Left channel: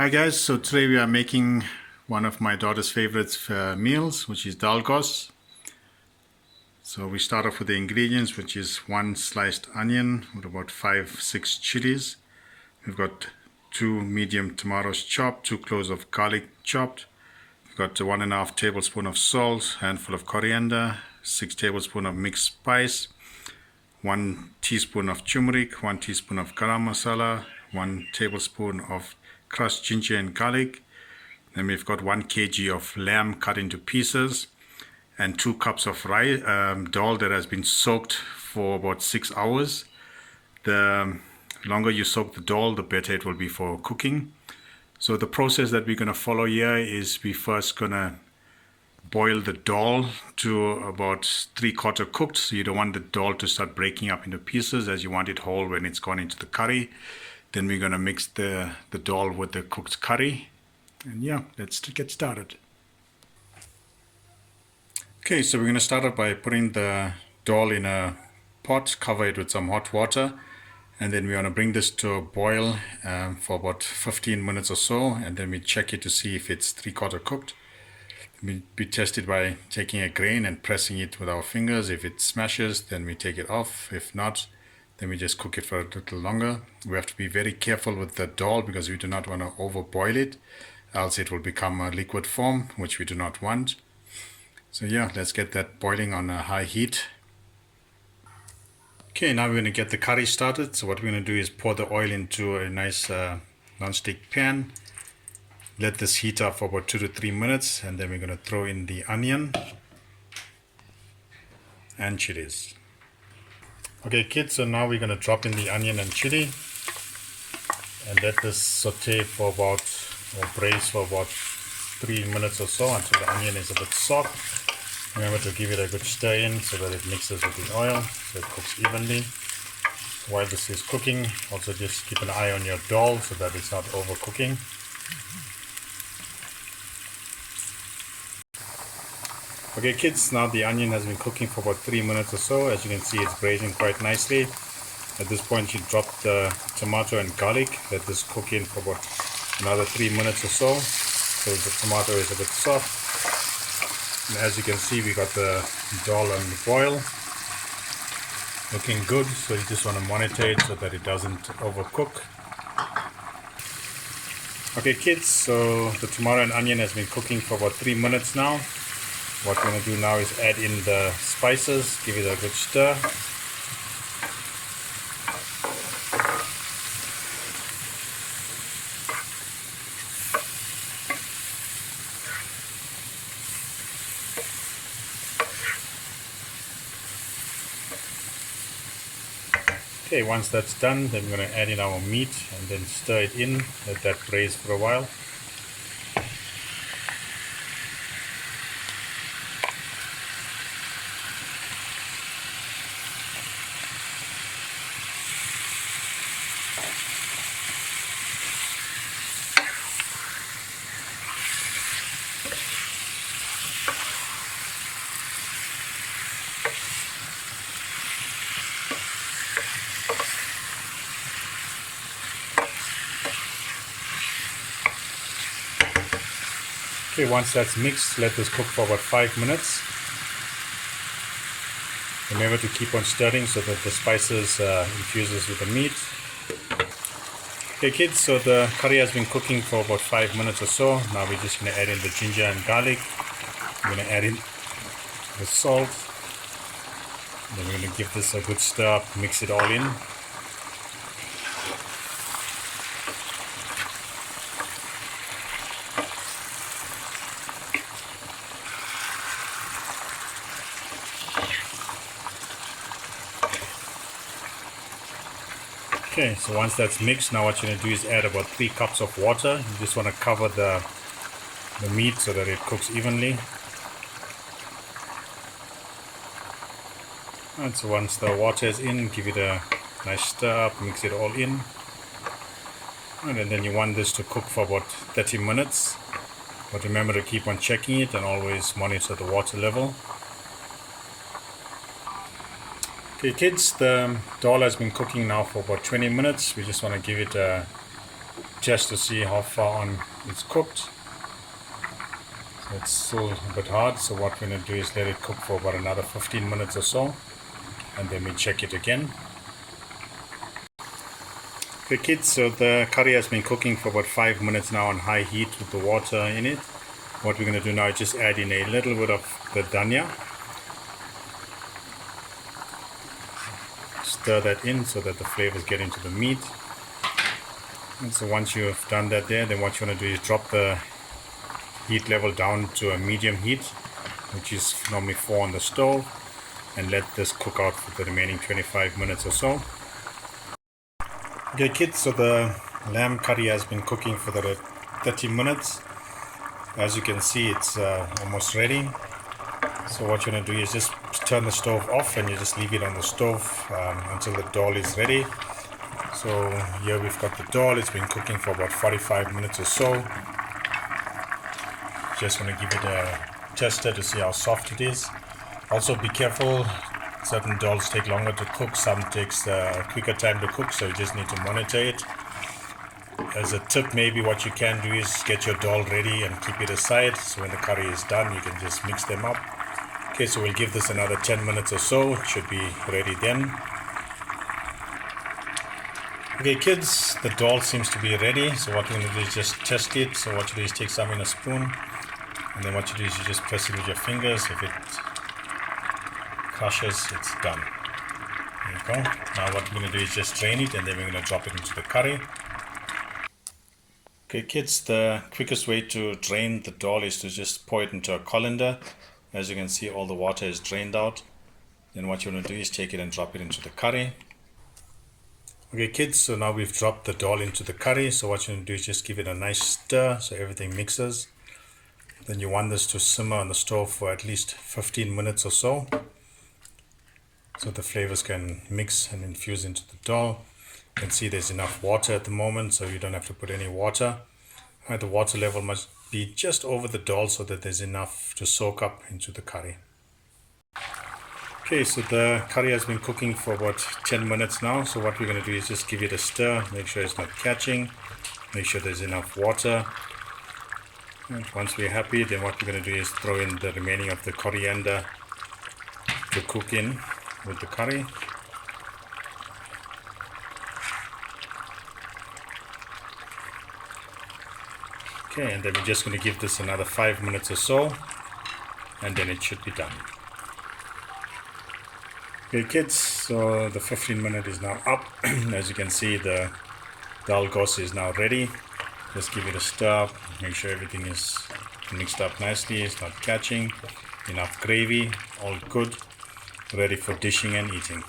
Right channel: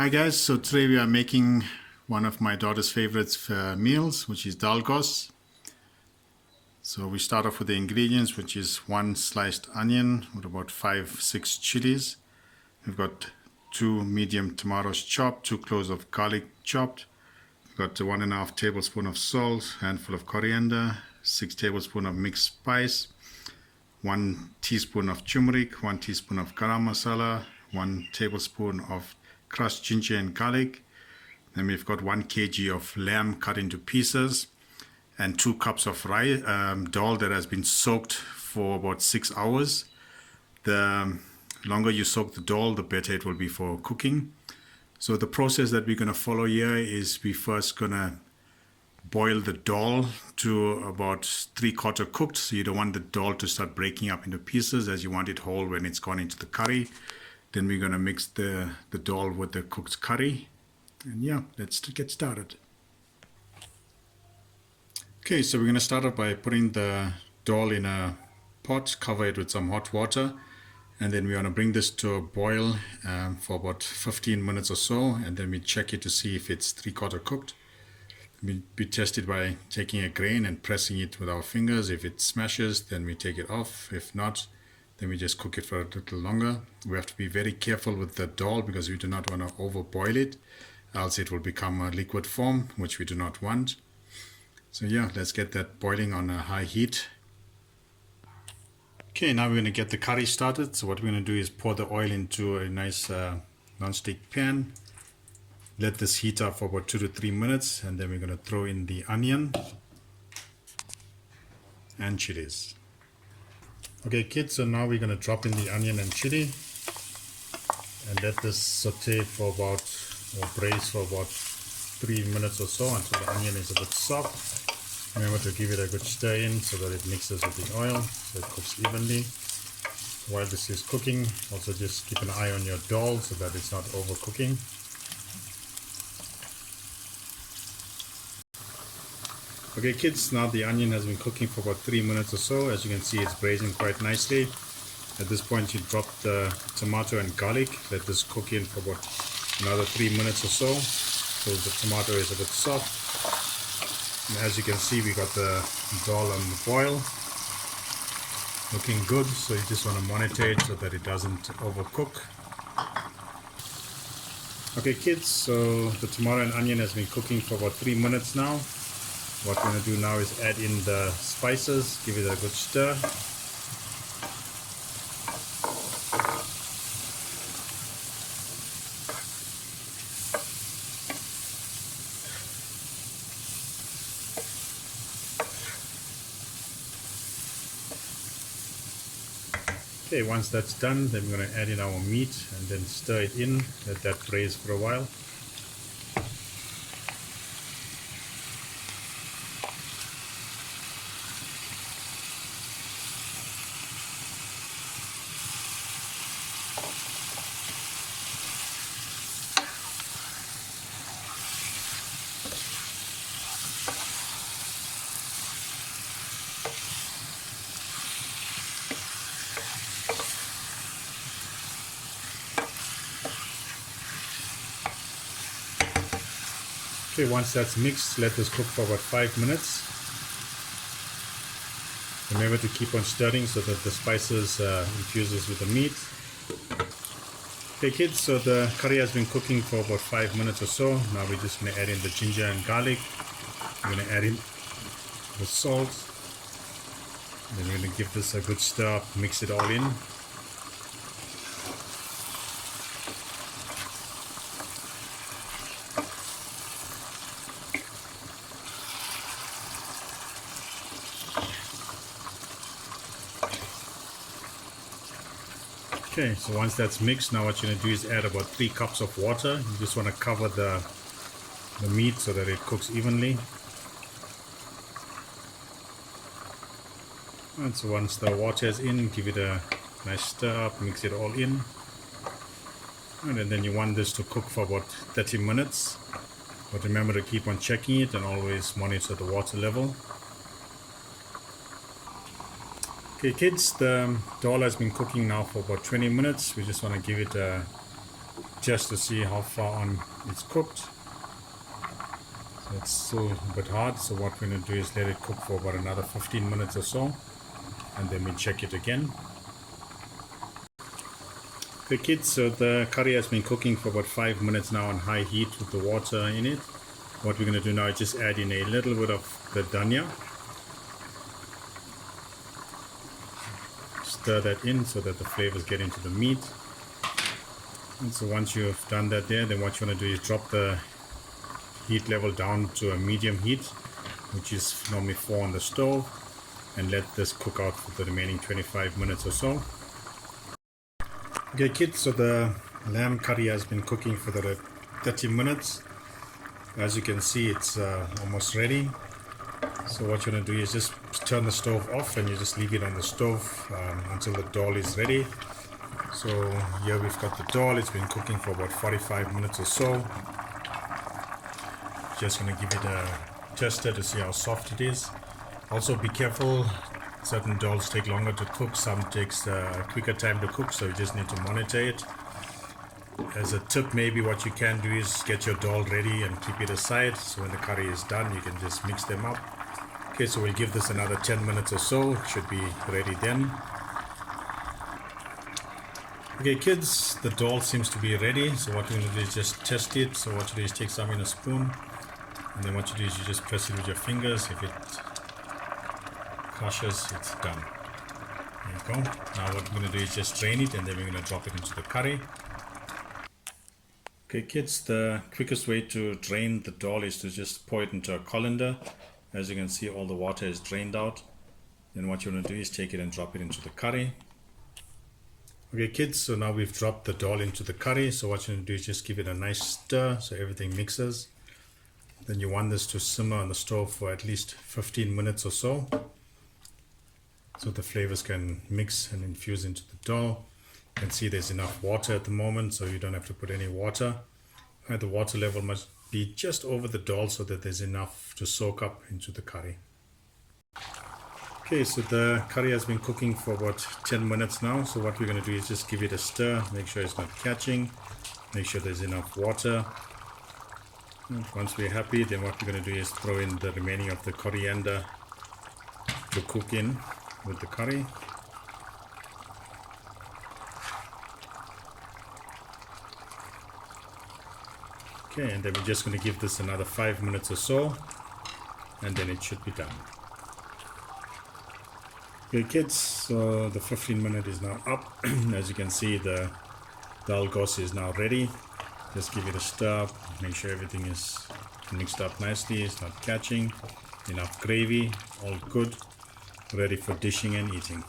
Hi guys, so today we are making one of my daughter's favorite meals, which is Dhal Gosht. So we start off with the ingredients, which is one sliced onion with about 5-6 chilies. We've got 2 medium tomatoes chopped, 2 cloves of garlic chopped. We've got 1.5 tablespoon of salt, handful of coriander, 6 tablespoons of mixed spice, 1 teaspoon of turmeric, 1 teaspoon of garum masala, 1 tablespoon of crushed ginger and garlic. Then we've got 1 kg of lamb cut into pieces and 2 cups of dal that has been soaked for about 6 hours. The longer you soak the dal, the better it will be for cooking. So the process that we're going to follow here is we first going to boil the dal to about 3/4 cooked. So you don't want the dal to start breaking up into pieces, as you want it whole when it's gone into the curry. Then we're going to mix the dal with the cooked curry. And yeah, let's get started. Okay, so we're going to start out by putting the dal in a pot, cover it with some hot water. And then we're going to bring this to a boil for about 15 minutes or so. And then we check it to see if it's 3/4 cooked. We test it by taking a grain and pressing it with our fingers. If it smashes, then we take it off. If not, then we just cook it for a little longer. We have to be very careful with the dal because we do not want to overboil it, else it will become a liquid form, which we do not want. So yeah, let's get that boiling on a high heat. Okay, now we're going to get the curry started. So what we're going to do is pour the oil into a nice non-stick pan. Let this heat up for about 2 to 3 minutes, and then we're going to throw in the onion and chilies. Okay kids, so now we're going to drop in the onion and chili and let this saute for about, or braise for about 3 minutes or so until the onion is a bit soft. Remember to give it a good stir in so that it mixes with the oil, so it cooks evenly. While this is cooking, also just keep an eye on your dal so that it's not overcooking. Okay kids, now the onion has been cooking for about 3 minutes or so. As you can see, it's braising quite nicely. At this point, you drop the tomato and garlic. Let this cook in for about another 3 minutes or so, so the tomato is a bit soft. And as you can see, we got the dal on the boil, looking good. So you just want to monitor it so that it doesn't overcook. Okay kids, so the tomato and onion has been cooking for about 3 minutes now. What we're going to do now is add in the spices, give it a good stir. Okay, once that's done, then we're going to add in our meat and then stir it in, let that braise for a while. Okay, once that's mixed, let this cook for about 5 minutes. Remember to keep on stirring so that the spices infuses with the meat. Okay kids, so the curry has been cooking for about 5 minutes or so. Now we're just going to add in the ginger and garlic. We're going to add in the salt. Then we're going to give this a good stir up, mix it all in. Okay, so once that's mixed, now what you're going to do is add about 3 cups of water. You just want to cover the meat so that it cooks evenly. And so once the water is in, give it a nice stir up, mix it all in. And then you want this to cook for about 30 minutes. But remember to keep on checking it and always monitor the water level. Okay kids, the dal has been cooking now for about 20 minutes. We just want to give it a just to see how far on it's cooked. So it's still a bit hard, so what we're going to do is let it cook for about another 15 minutes or so, and then we check it again. Okay kids, so the curry has been cooking for about 5 minutes now on high heat with the water in it. What we're going to do now is just add in a little bit of the dhania. Stir that in so that the flavors get into the meat. And so once you've done that there, then what you want to do is drop the heat level down to a medium heat, which is normally 4 on the stove, and let this cook out for the remaining 25 minutes or so. Okay kids, so the lamb curry has been cooking for the 30 minutes. As you can see, it's almost ready. So what you're going to do is just turn the stove off, and you just leave it on the stove until the dhal is ready. So here we've got the dhal. It's been cooking for about 45 minutes or so. Just going to give it a tester to see how soft it is. Also be careful, certain dhals take longer to cook, some takes a quicker time to cook, so you just need to monitor it. As a tip, maybe what you can do is get your dhal ready and keep it aside, so when the curry is done you can just mix them up. Okay, so we'll give this another 10 minutes or so. It should be ready then. Okay kids, the dhal seems to be ready, so what we're going to do is just test it. So what you do is take some in a spoon, and then what you do is you just press it with your fingers. If it crushes, it's done. There you go. Now what we're going to do is just drain it, and then we're going to drop it into the curry. Okay kids, the quickest way to drain the dhal is to just pour it into a colander. As you can see, all the water is drained out. Then what you want to do is take it and drop it into the curry. Okay kids, so now we've dropped the dhal into the curry. So what you want to do is just give it a nice stir so everything mixes. Then you want this to simmer on the stove for at least 15 minutes or so, so the flavors can mix and infuse into the dhal. You can see there's enough water at the moment, so you don't have to put any water. The water level must be just over the dhal so that there's enough to soak up into the curry. Okay, so the curry has been cooking for about 10 minutes now. So what we're going to do is just give it a stir, make sure it's not catching, make sure there's enough water. And once we're happy, then what we're going to do is throw in the remaining of the coriander to cook in with the curry. Okay, and then we're just going to give this another 5 minutes or so, and then it should be done. Okay kids, so the 15-minute is now up. As you can see, the Dhal Gosht is now ready. Just give it a stir, make sure everything is mixed up nicely, it's not catching. Enough gravy, all good, ready for dishing and eating.